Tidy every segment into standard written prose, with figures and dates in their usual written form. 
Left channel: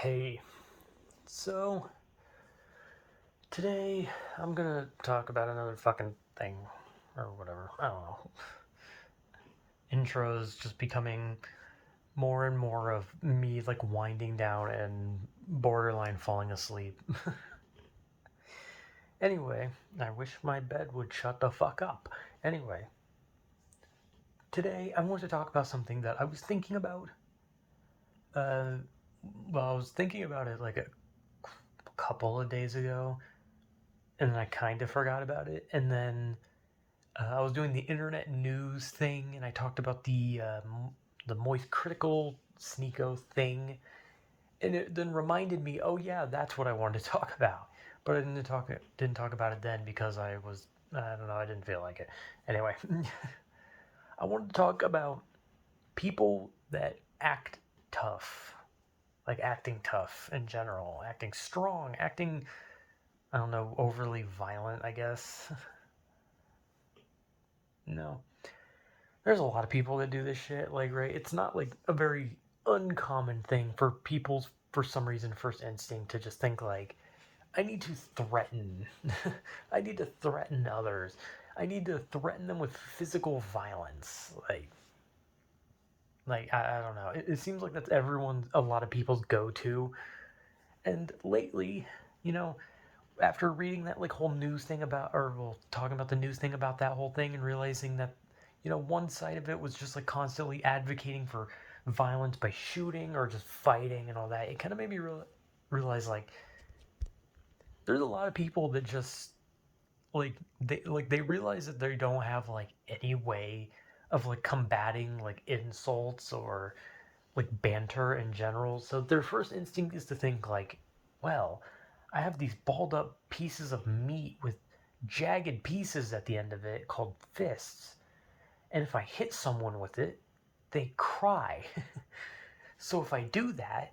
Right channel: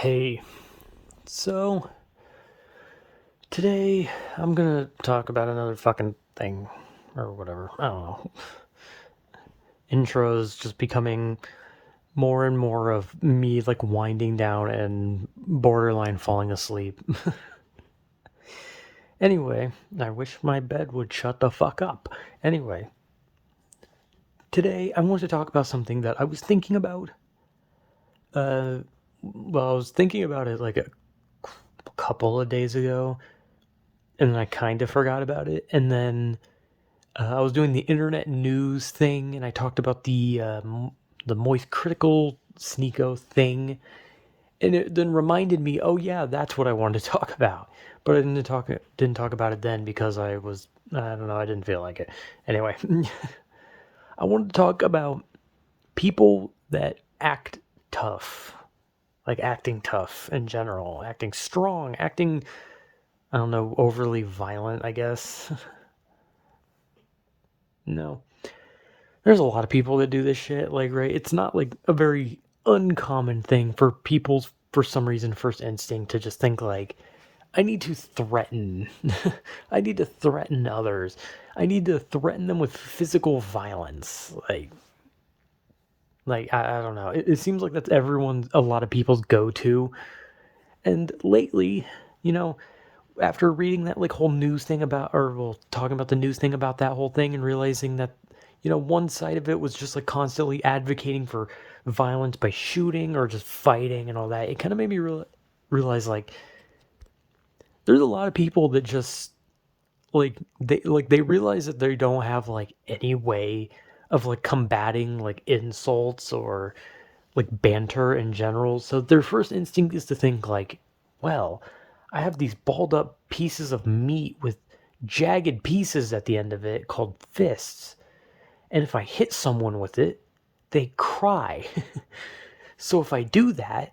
Hey, so today I'm gonna talk about another fucking thing or whatever. I don't know. Intros just becoming more and more of me like winding down and borderline falling asleep. Anyway, I wish my bed would shut the fuck up. Anyway, today I want to talk about something that I was thinking about. Uh, I was thinking about it like a couple of days ago, and I kind of forgot about it, and then I was doing the internet news thing, and I talked about the Moist Critical Sneeko thing, and it then reminded me, oh yeah, that's what I wanted to talk about. But I didn't talk about it then because I don't know, I didn't feel like it. Anyway, I wanted to talk about people that act tough, like acting tough in general, acting strong, acting, I don't know, overly violent, I guess. No, there's a lot of people that do this shit, like, right? It's not like a very uncommon thing for people's, for some reason, first instinct to just think like, I need to threaten. I need to threaten others. I need to threaten them with physical violence. I don't know. It seems like that's a lot of people's go-to. And lately, you know, after reading that like whole news thing about, or well, talking about the news thing about that whole thing and realizing that, one side of it was just like constantly advocating for violence by shooting or just fighting and all that. It kind of made me realize like there's a lot of people that just they realize that they don't have like any way of like combating like insults or like banter in general. So their first instinct is to think like, well, I have these balled up pieces of meat with jagged pieces at the end of it called fists. And if I hit someone with it, they cry. So if I do that,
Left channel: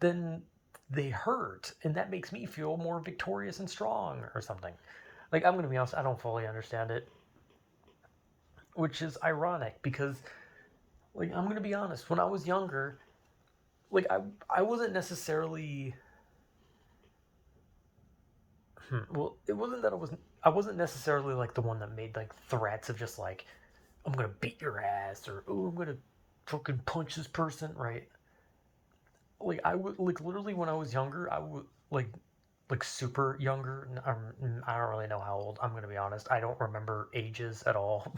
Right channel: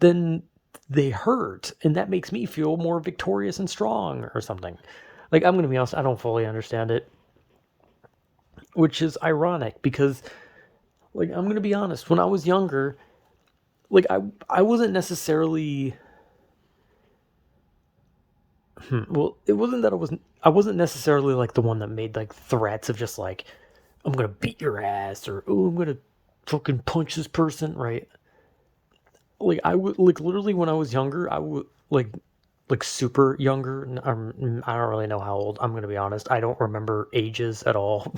then they hurt. And that makes me feel more victorious and strong or something. Like, I'm going to be honest, I don't fully understand it, which is ironic because, like, I'm going to be honest, when I was younger, like, I wasn't necessarily well, it wasn't that I wasn't necessarily like the one that made like threats of just like I'm gonna beat your ass or oh I'm gonna fucking punch this person, right? Like I would like literally when I was younger, I would like super younger. I don't really know how old. I'm gonna be honest. I don't remember ages at all.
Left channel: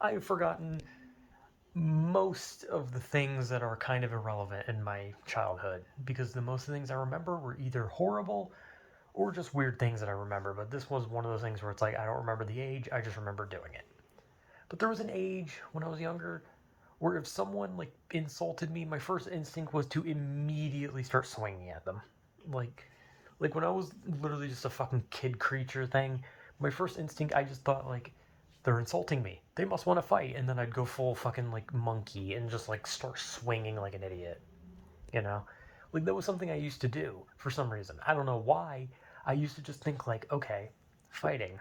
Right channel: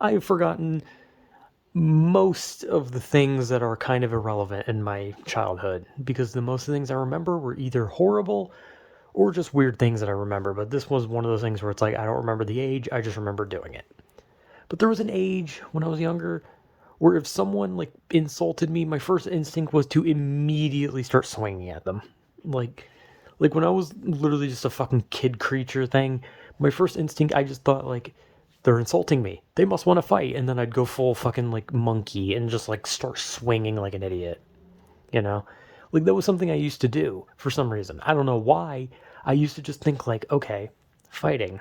I have forgotten most of the things that are kind of irrelevant in my childhood because the most of the things I remember were either horrible or just weird things that I remember. But this was one of those things where it's like I don't remember the age, I just remember doing it. But there was an age when I was younger where if someone like insulted me, my first instinct was to immediately start swinging at them. Like like when I was literally just a fucking kid creature thing, my first instinct I just thought like they're insulting me. They must want to fight and then I'd go full fucking like monkey and just like start swinging like an idiot, you know? Like that was something I used to do for some reason. I don't know why. I used to just think like, okay, fighting.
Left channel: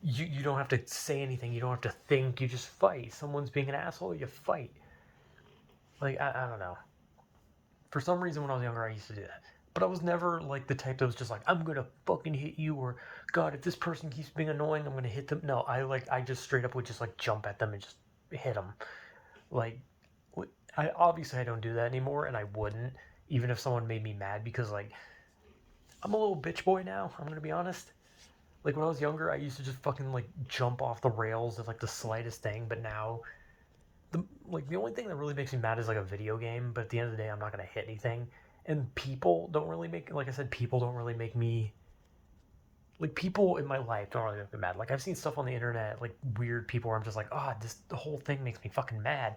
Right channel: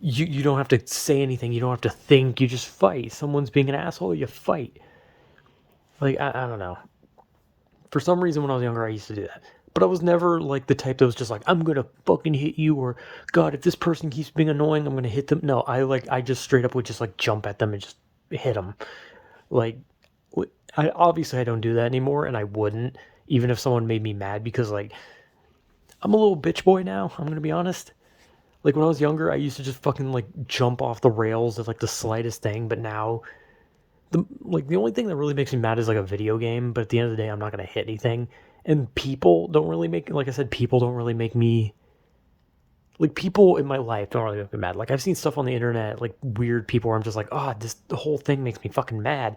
You don't have to say anything. You don't have to think. You just fight. Someone's being an asshole. You fight. Like I don't know. For some reason, when I was younger, I used to do that. But I was never like the type that was just like, I'm gonna fucking hit you, or God, if this person keeps being annoying, I'm gonna hit them. No, I just straight up would just like jump at them and just hit them. Like, I obviously I don't do that anymore, and I wouldn't even if someone made me mad because like I'm a little bitch boy now. I'm gonna be honest. Like when I was younger, I used to just fucking like jump off the rails at like the slightest thing, but now the only thing that really makes me mad is like a video game, but at the end of the day I'm not going to hit anything. And people don't really make like I said people don't really make me like people in my life don't really make me mad. Like I've seen stuff on the internet like weird people where I'm just like, "Oh, this the whole thing makes me fucking mad."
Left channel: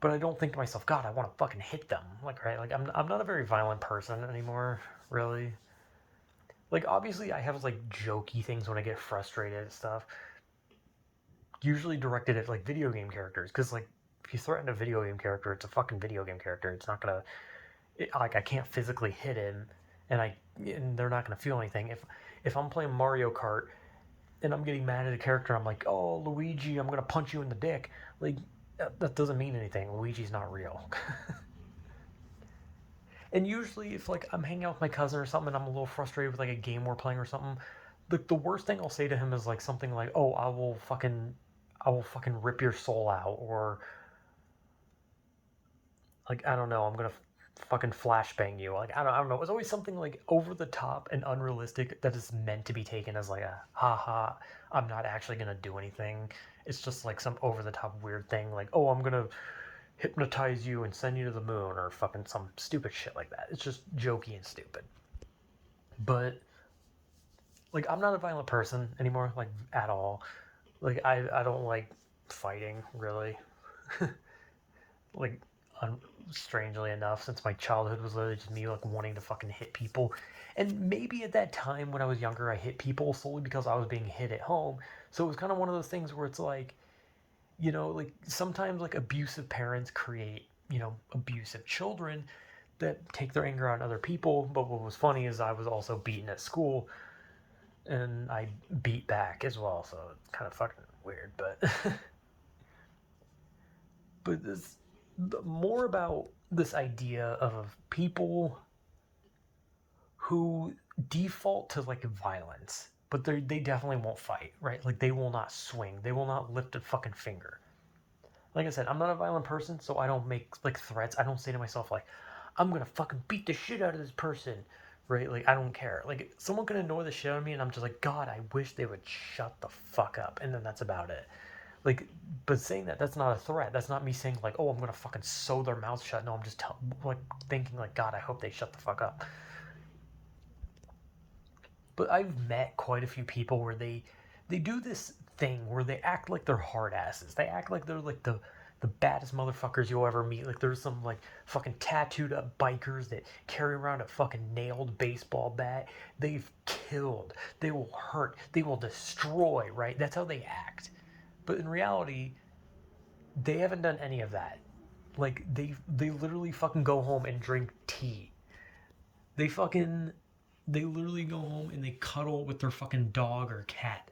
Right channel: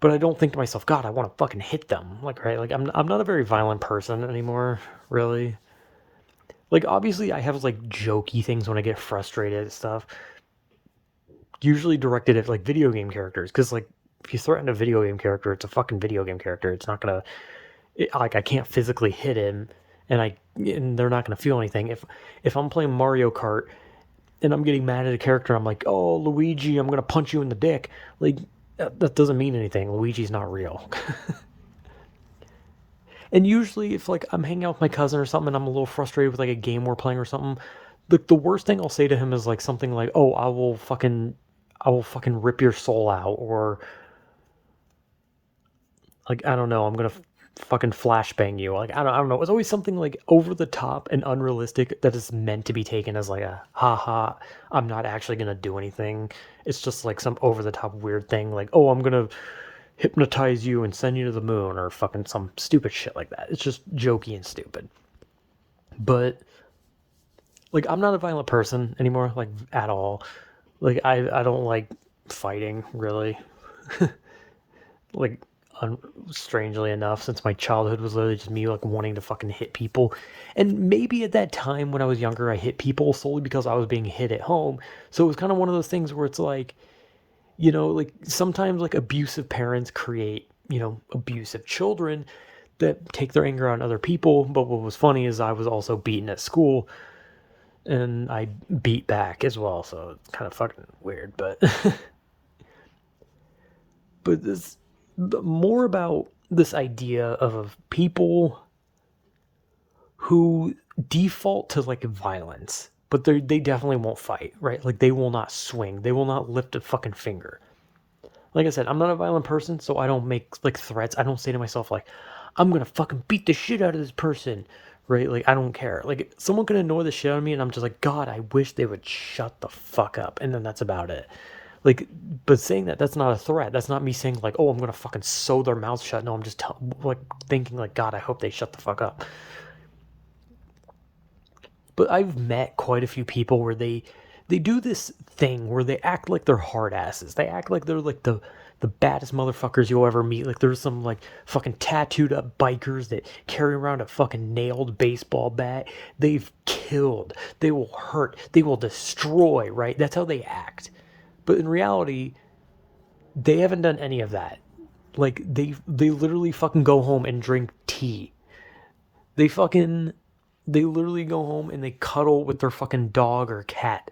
But I don't think to myself, "God, I want to fucking hit them." Like right? Like I'm not a very violent person anymore, really. Like obviously I have like jokey things when I get frustrated and stuff, usually directed at like video game characters because like if you threaten a video game character, it's a fucking video game character. It's not gonna like I can't physically hit him, and they're not gonna feel anything. If I'm playing Mario Kart and I'm getting mad at a character, I'm like, oh Luigi, I'm gonna punch you in the dick. Like that doesn't mean anything. Luigi's not real. And usually, if like I'm hanging out with my cousin or something, and I'm a little frustrated with like a game we're playing or something, the worst thing I'll say to him is like something like, "Oh, I will fucking rip your soul out," or like I don't know, I'm gonna fucking flashbang you. Like I don't know. It's always something like over the top and unrealistic that is meant to be taken as like a haha. I'm not actually gonna do anything. It's just like some over the top weird thing like, oh, I'm gonna hypnotize you and send you to the moon or fucking some stupid shit like that. It's just jokey and stupid. But like I'm not a violent person anymore, like at all. Like I don't like fighting really. Like un- strangely enough, since my childhood was literally just me like wanting to fucking hit people. And maybe at that time when I was younger I hit people solely because I was being hit at home. So it was kind of one of those things where it's like, like sometimes like abusive parents create, abusive children that take their anger on other people. But what was funny is I was also beaten at school and I beat back as well. So it's kind of fucking weird, but but this more about this idea of people who default to like violence, but they definitely won't fight, right? Like they will not swing, they will not lift a fucking finger. Like I said, I'm not a violent person, so I don't make like threats. I don't say to myself like, I'm gonna fucking beat the shit out of this person, right? Like I don't care. Like someone can annoy the shit out of me, and I'm just like, God, I wish they would shut the fuck up, and then that's about it. Like, but saying that, that's not a threat. That's not me saying like, oh, I'm gonna fucking sew their mouths shut. No, I'm just like thinking like, God, I hope they shut the fuck up. But I've met quite a few people where they do this thing where they act like they're hard asses. They act like they're like the baddest motherfuckers you'll ever meet. Like there's some like fucking tattooed up bikers that carry around a fucking nailed baseball bat. They've killed. They will hurt. They will destroy, right? That's how they act. But in reality, they haven't done any of that. Like they literally fucking go home and drink tea. They fucking they literally go home and they cuddle with their fucking dog or cat.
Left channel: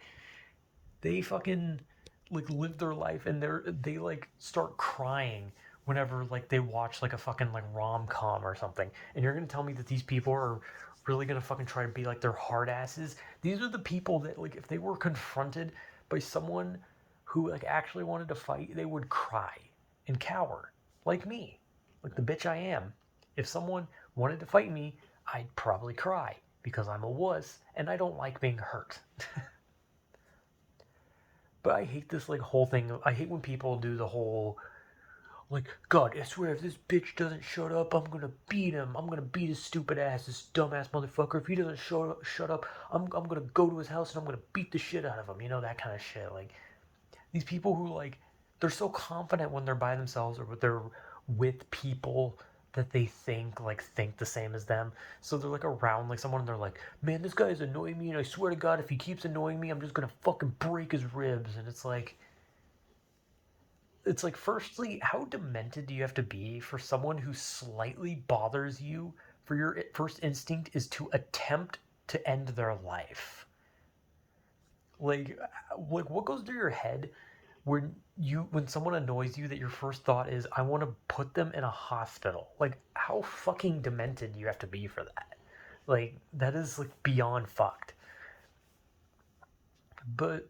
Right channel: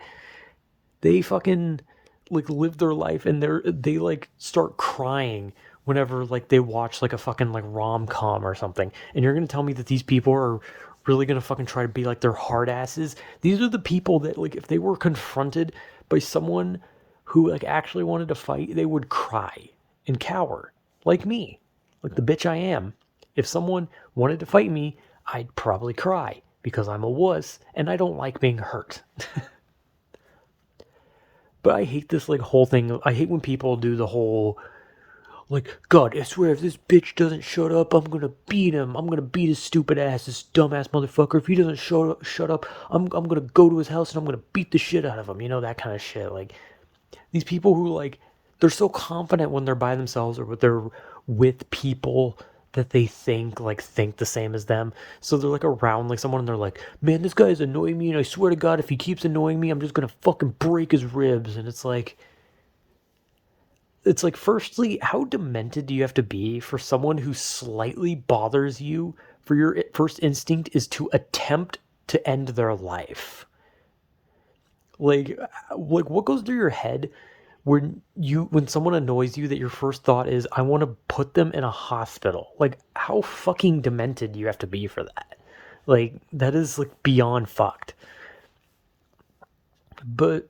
They fucking like live their life and they like start crying whenever like they watch like a fucking like rom-com or something. And you're gonna tell me that these people are really gonna fucking try to be like their hard asses? These are the people that like if they were confronted by someone who like actually wanted to fight, they would cry and cower. Like me. Like the bitch I am. If someone wanted to fight me, I'd probably cry because I'm a wuss and I don't like being hurt. But I hate this like whole thing. I hate when people do the whole like, God, I swear if this bitch doesn't shut up, I'm gonna beat him. I'm gonna beat his stupid ass, this dumbass motherfucker. If he doesn't shut up, I'm gonna go to his house and I'm gonna beat the shit out of him. You know, that kind of shit. Like these people who like they're so confident when they're by themselves or when they're with people that they think the same as them. So they're like around like someone and they're like, man, this guy's annoying me and I swear to God if he keeps annoying me, I'm just gonna fucking break his ribs. And it's like firstly, how demented do you have to be for someone who slightly bothers you for your first instinct is to attempt to end their life? Like what goes through your head when someone annoys you that your first thought is I want to put them in a hospital? Like how fucking demented do you have to be for that? Like that is like beyond fucked. But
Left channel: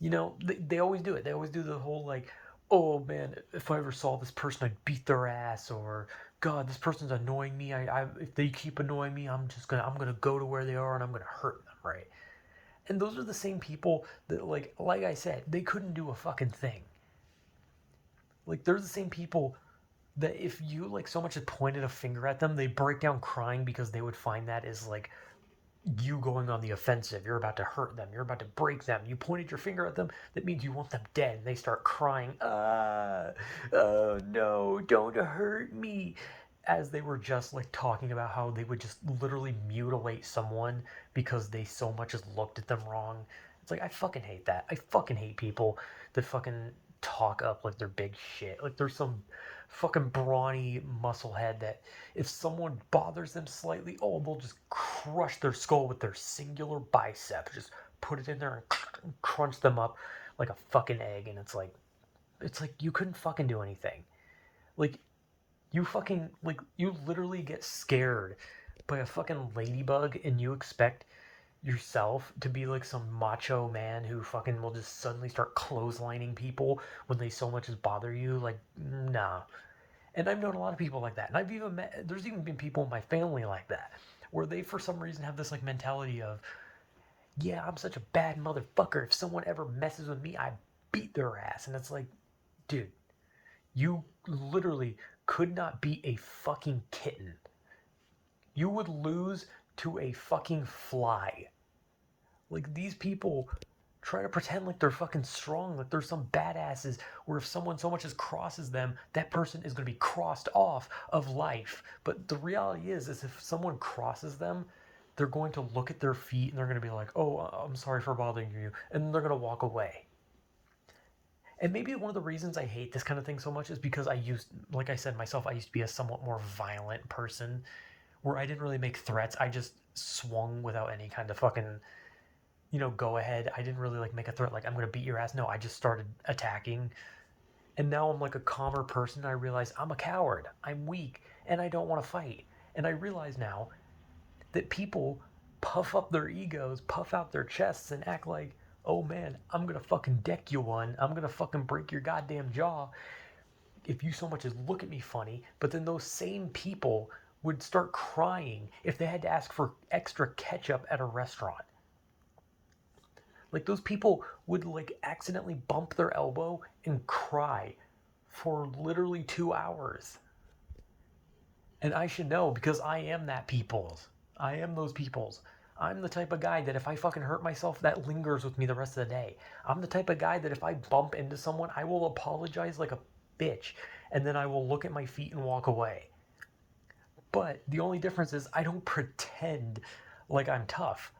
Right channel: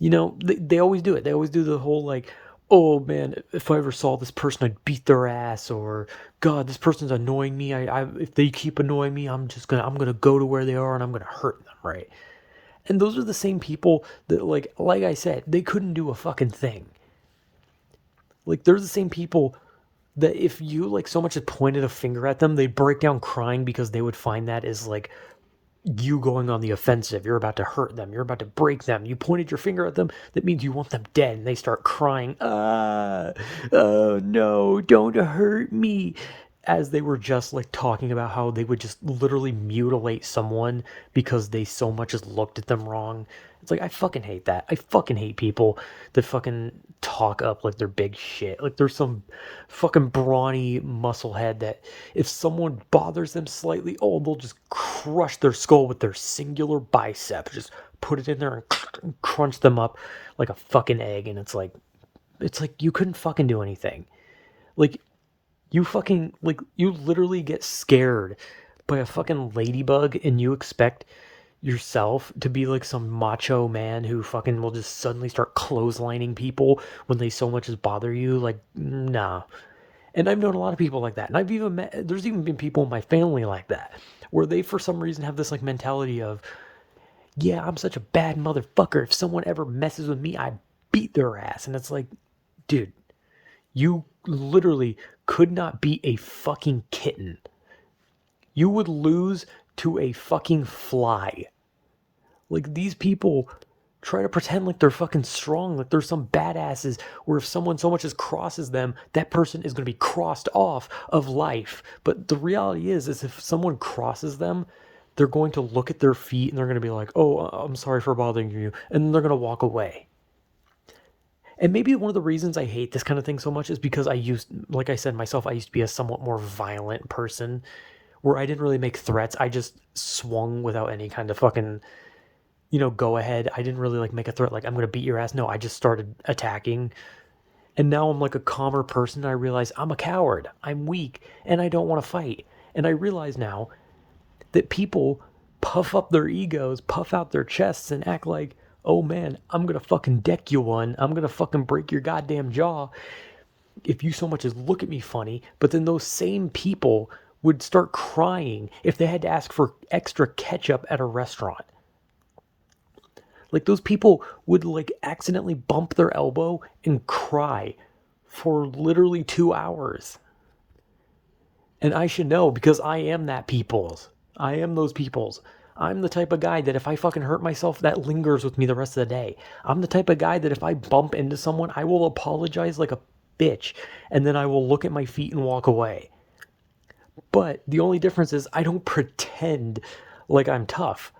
they always do it. They always do the whole like, oh man, if I ever saw this person I'd beat their ass, or God, this person's annoying me. I if they keep annoying me, I'm gonna go to where they are and I'm gonna hurt them, right? And those are the same people that like I said, they couldn't do a fucking thing. Like they're the same people that if you like so much as pointed a finger at them, they'd break down crying because they would find that is like you going on the offensive. You're about to hurt them. You're about to break them. You pointed your finger at them. That means you want them dead. And they start crying. Oh no, don't hurt me. As they were just like talking about how they would just literally mutilate someone because they so much as looked at them wrong. It's like, I fucking hate that. I fucking hate people that fucking talk up like they're big shit. Like there's some fucking brawny musclehead that if someone bothers them slightly, oh, they'll just crush their skull with their singular bicep. Just put it in there and crunch them up like a fucking egg. And it's like you couldn't fucking do anything. Like You fucking, like, you literally get scared by a fucking ladybug and you expect yourself to be like some macho man who fucking will just suddenly start clotheslining people when they so much as bother you. Like, nah. And I've known a lot of people like that. And I've even met, there's even been people in my family like that, where they for some reason have this like mentality of, yeah, I'm such a bad motherfucker. If someone ever messes with me, I beat their ass. And it's like, dude, you literally could not beat a fucking kitten. You would lose to a fucking fly. Like, these people try to pretend like they're fucking strong, like they're some badasses, where if someone so much as crosses them, that person is going to be crossed off of life. But the reality is if someone crosses them, they're going to look at their feet and they're going to be like, oh, I'm sorry for bothering you. And then they're going to walk away. And maybe one of the reasons I hate this kind of thing so much is because like I said myself, I used to be a somewhat more violent person where I didn't really make threats. I just swung without any kind of fucking, go ahead. I didn't really like make a threat like I'm going to beat your ass. No, I just started attacking. And now I'm like a calmer person. And I realize I'm a coward. I'm weak and I don't want to fight. And I realize now that people puff up their egos, puff out their chests, and act like, oh man, I'm gonna fucking deck you one. I'm gonna fucking break your goddamn jaw if you so much as look at me funny. But then those same people would start crying if they had to ask for extra ketchup at a restaurant. Like, those people would like accidentally bump their elbow and cry for literally 2 hours. And I should know because I am that people's. I am those people's. I'm the type of guy that if I fucking hurt myself, that lingers with me the rest of the day. I'm the type of guy that if I bump into someone, I will apologize like a bitch and then I will look at my feet and walk away. But the only difference is I don't pretend like I'm tough.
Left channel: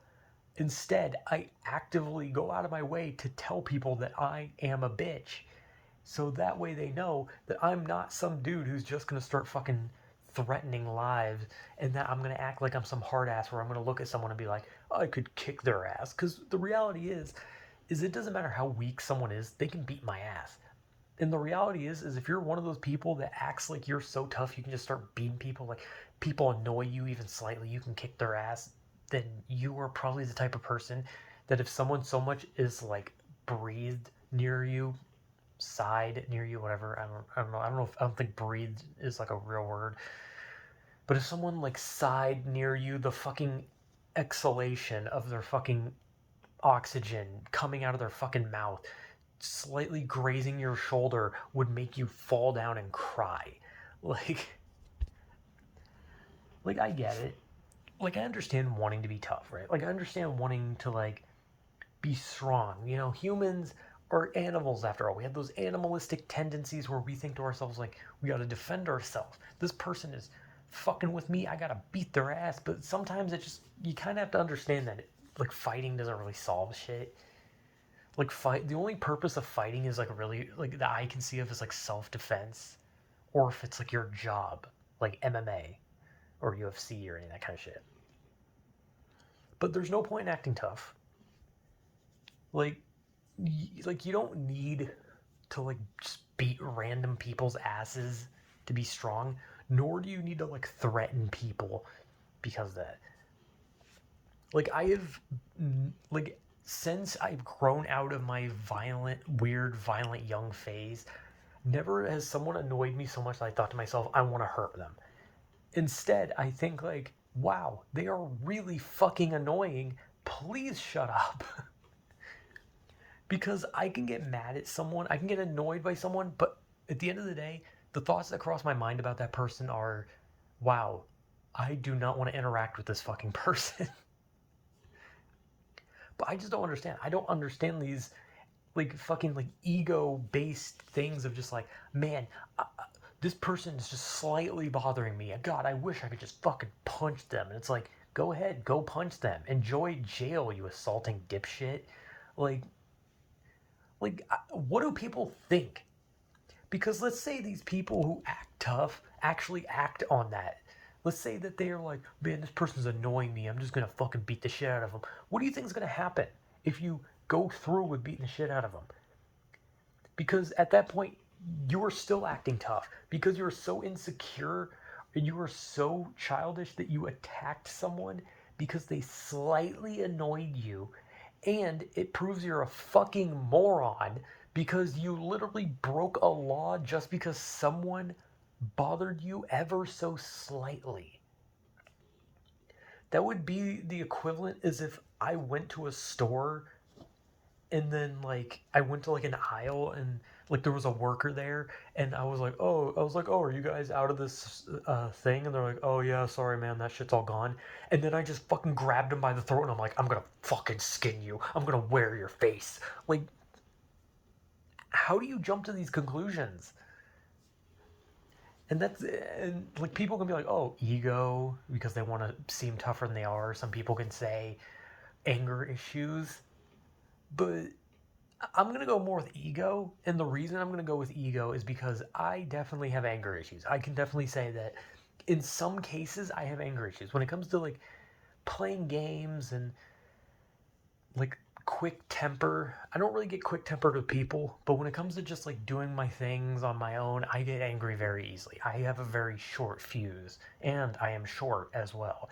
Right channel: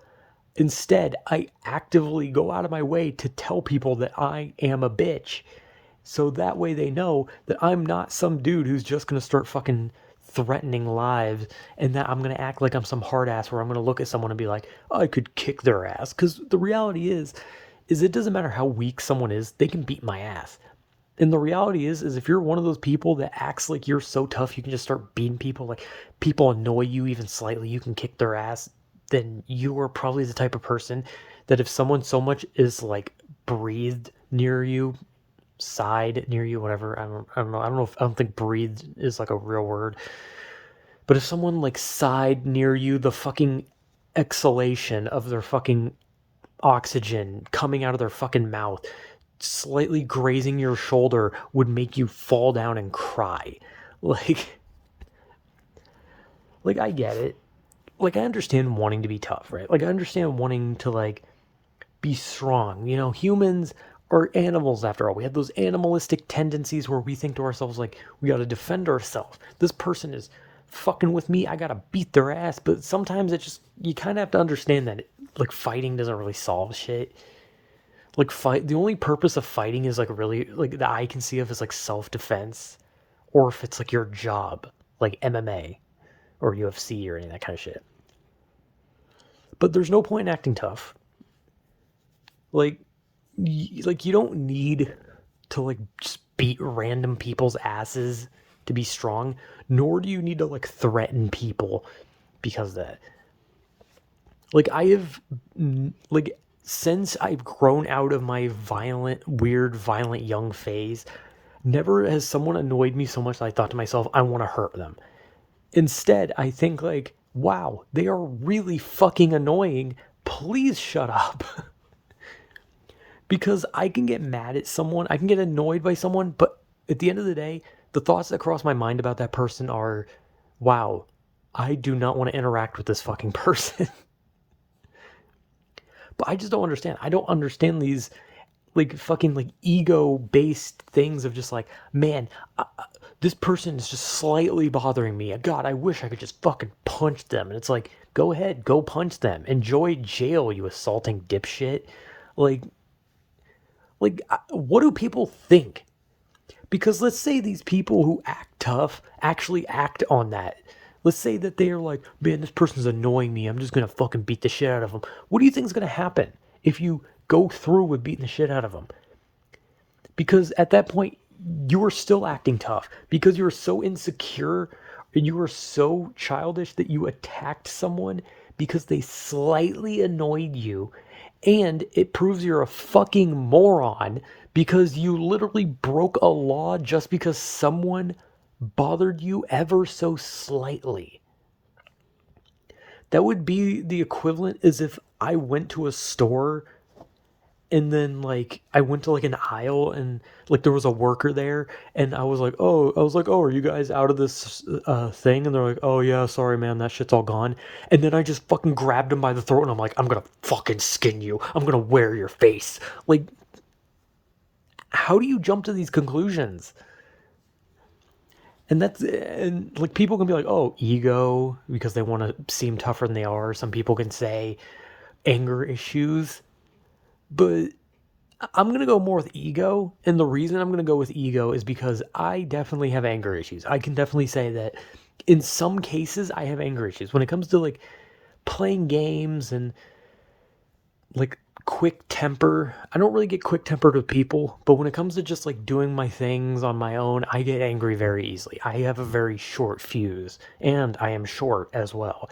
Instead, I actively go out of my way to tell people that I am a bitch. So that way they know that I'm not some dude who's just gonna start fucking threatening lives and that I'm gonna act like I'm some hard ass where I'm gonna look at someone and be like, oh, I could kick their ass. Because the reality is it doesn't matter how weak someone is, they can beat my ass. And the reality is if you're one of those people that acts like you're so tough you can just start beating people, like people annoy you even slightly, you can kick their ass, then you are probably the type of person that if someone so much is like breathed near you, sighed near you, whatever. I don't think breathed is like a real word. But if someone like sighed near you, the fucking exhalation of their fucking oxygen coming out of their fucking mouth, slightly grazing your shoulder would make you fall down and cry. Like, like I get it. Like, I understand wanting to be tough, right? Like, I understand wanting to like be strong. Humans are animals after all. We have those animalistic tendencies where we think to ourselves like we got to defend ourselves. This person is fucking with me. I got to beat their ass. But sometimes you kind of have to understand that like fighting doesn't really solve shit. Like, the only purpose of fighting is like really like that I can see of is like self-defense, or if it's like your job, like MMA or UFC or any of that kind of shit. But there's no point in acting tough. Like, you don't need to like just beat random people's asses to be strong, nor do you need to like threaten people because of that. Like, I have like since I've grown out of my violent young phase, never has someone annoyed me so much that I thought to myself, I want to hurt them. Instead, I think like, wow, they are really fucking annoying. Please shut up. Because I can get mad at someone, I can get annoyed by someone, but at the end of the day, the thoughts that cross my mind about that person are, wow, I do not want to interact with this fucking person. But I just don't understand. I don't understand these like fucking like ego based things of just like, man, this person is just slightly bothering me. God, I wish I could just fucking punch them. And it's like, go ahead, go punch them. Enjoy jail, you assaulting dipshit. Like, what do people think? Because let's say these people who act tough actually act on that. Let's say that they're like, man, this person's annoying me. I'm just going to fucking beat the shit out of them. What do you think is going to happen if you go through with beating the shit out of them? Because at that point, you are still acting tough because you're so insecure and you are so childish that you attacked someone because they slightly annoyed you, and it proves you're a fucking moron because you literally broke a law just because someone bothered you ever so slightly. That would be the equivalent as if I went to a store and then like I went to like an aisle and like there was a worker there and I was like, oh, are you guys out of this thing? And they're like, oh yeah, sorry man, that shit's all gone. And then I just fucking grabbed him by the throat and I'm like, I'm gonna fucking skin you, I'm gonna wear your face. Like, how do you jump to these conclusions? And like people can be like, oh, ego, because they want to seem tougher than they are. Some people can say anger issues, but I'm going to go more with ego. And the reason I'm going to go with ego is because I definitely have anger issues. I can definitely say that in some cases I have anger issues when it comes to like playing games and like quick temper. I don't really get quick tempered with people, but when it comes to just like doing my things on my own, I get angry very easily. I have a very short fuse and I am short as well.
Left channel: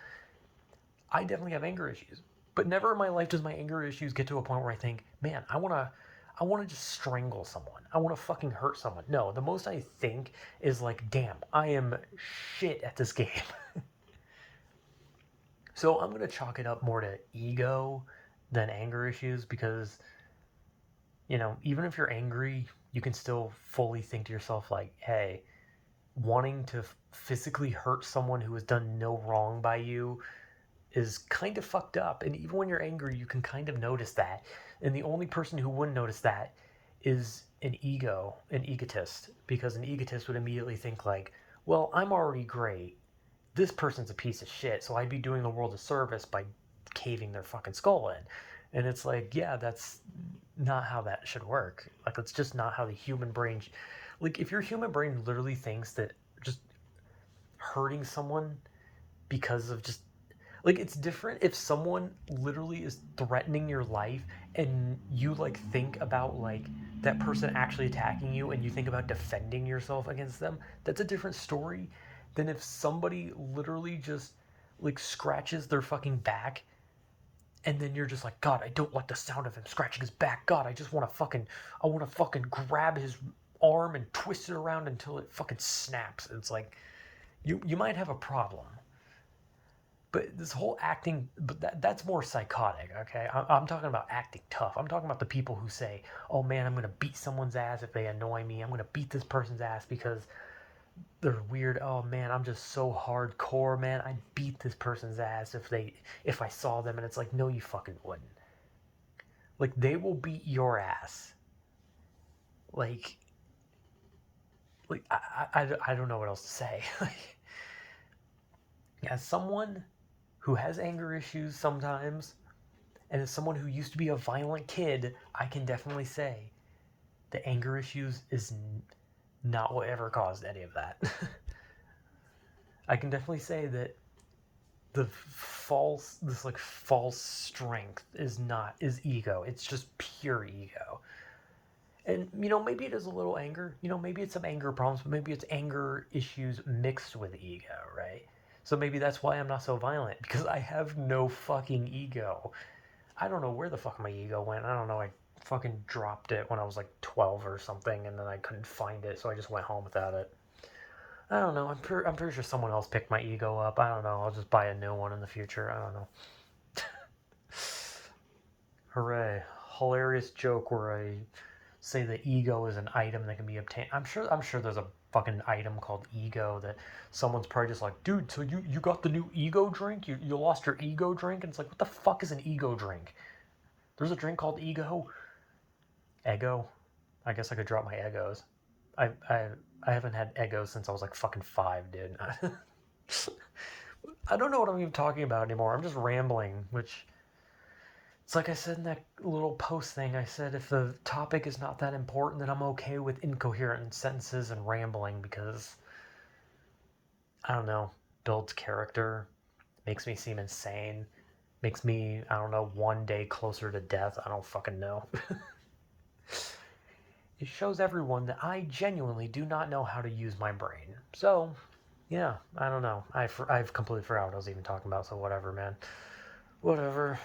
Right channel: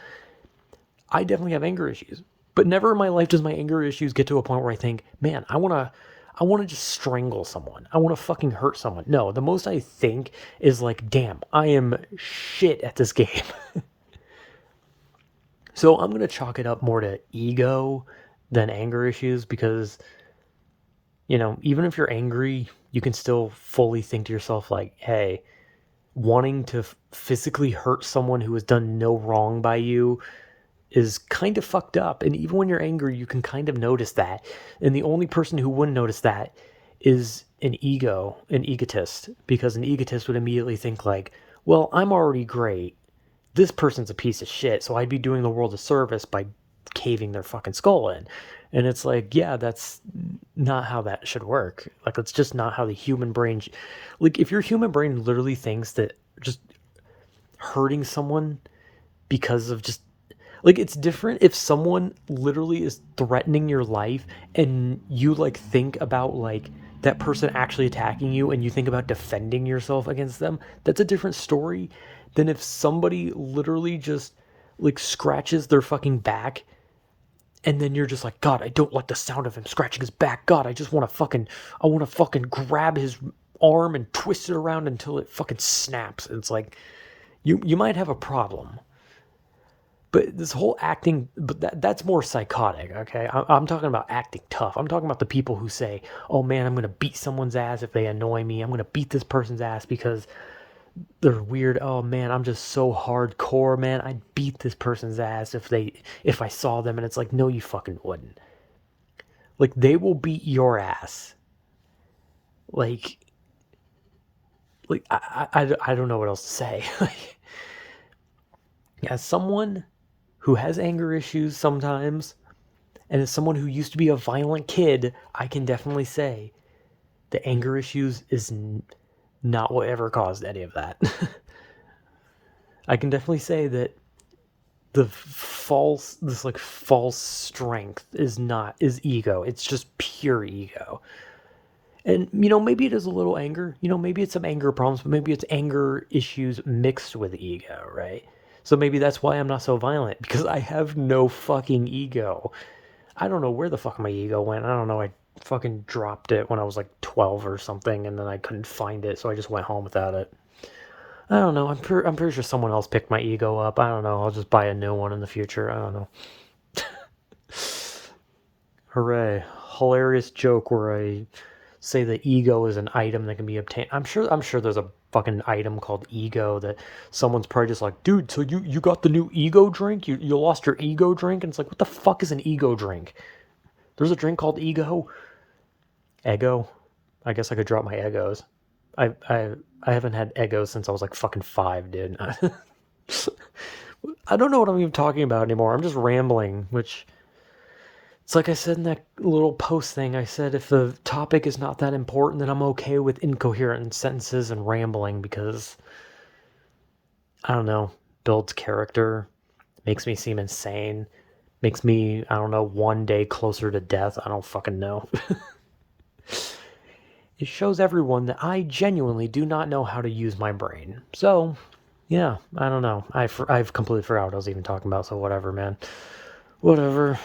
I definitely have anger issues. But never in my life does my anger issues get to a point where I think, man, I want to just strangle someone. I want to fucking hurt someone. No, the most I think is like, damn, I am shit at this game. So I'm going to chalk it up more to ego than anger issues because, even if you're angry, you can still fully think to yourself, like, hey, wanting to physically hurt someone who has done no wrong by you is kind of fucked up. And even when you're angry, you can kind of notice that. And the only person who wouldn't notice that is an egotist, because an egotist would immediately think, like, well, I'm already great. This person's a piece of shit, so I'd be doing the world a service by caving their fucking skull in. And it's like, yeah, that's not how that should work. Like, that's just not how the human brain. Like, if your human brain literally thinks that just hurting someone because of just like, it's different if someone literally is threatening your life and you like think about like that person actually attacking you and you think about defending yourself against them. That's a different story than if somebody literally just like scratches their fucking back and then you're just like, God, I don't like the sound of him scratching his back. God, I want to fucking grab his arm and twist it around until it fucking snaps. It's like, you might have a problem. But this whole acting, but that's more psychotic, okay? I'm talking about acting tough. I'm talking about the people who say, oh man, I'm going to beat someone's ass if they annoy me. I'm going to beat this person's ass because they're weird. Oh man, I'm just so hardcore, man. I'd beat this person's ass if I saw them. And it's like, no, you fucking wouldn't. Like, they will beat your ass. Like, I don't know what else to say. As someone who has anger issues sometimes, and as someone who used to be a violent kid, I can definitely say the anger issues is not what ever caused any of that. I can definitely say that this like false strength is ego. It's just pure ego. And maybe it is a little anger. Maybe it's some anger problems, but maybe it's anger issues mixed with ego, right? So maybe that's why I'm not so violent, because I have no fucking ego. I don't know where the fuck my ego went. I don't know. I fucking dropped it when I was like 12 or something, and then I couldn't find it, so I just went home without it. I don't know. I'm pretty sure someone else picked my ego up. I don't know. I'll just buy a new one in the future. I don't know. Hooray! Hilarious joke where I say that ego is an item that can be obtained. I'm sure there's a fucking item called ego that someone's probably just like, dude, so you got the new ego drink? You lost your ego drink? And it's like, what the fuck is an ego drink? There's a drink called ego. Ego. I guess I could drop my egos. I I I haven't had egos since I was like fucking 5, dude. I don't know what I'm even talking about anymore. I'm just rambling, which it's like I said in that little post thing. I said if the topic is not that important, then I'm okay with incoherent sentences and rambling because I don't know, builds character, makes me seem insane, makes me, I don't know, one day closer to death. I don't fucking know. it shows everyone that I genuinely do not know how to use my brain. So, yeah, I don't know. I've completely forgot what I was even talking about, so whatever, man. Whatever.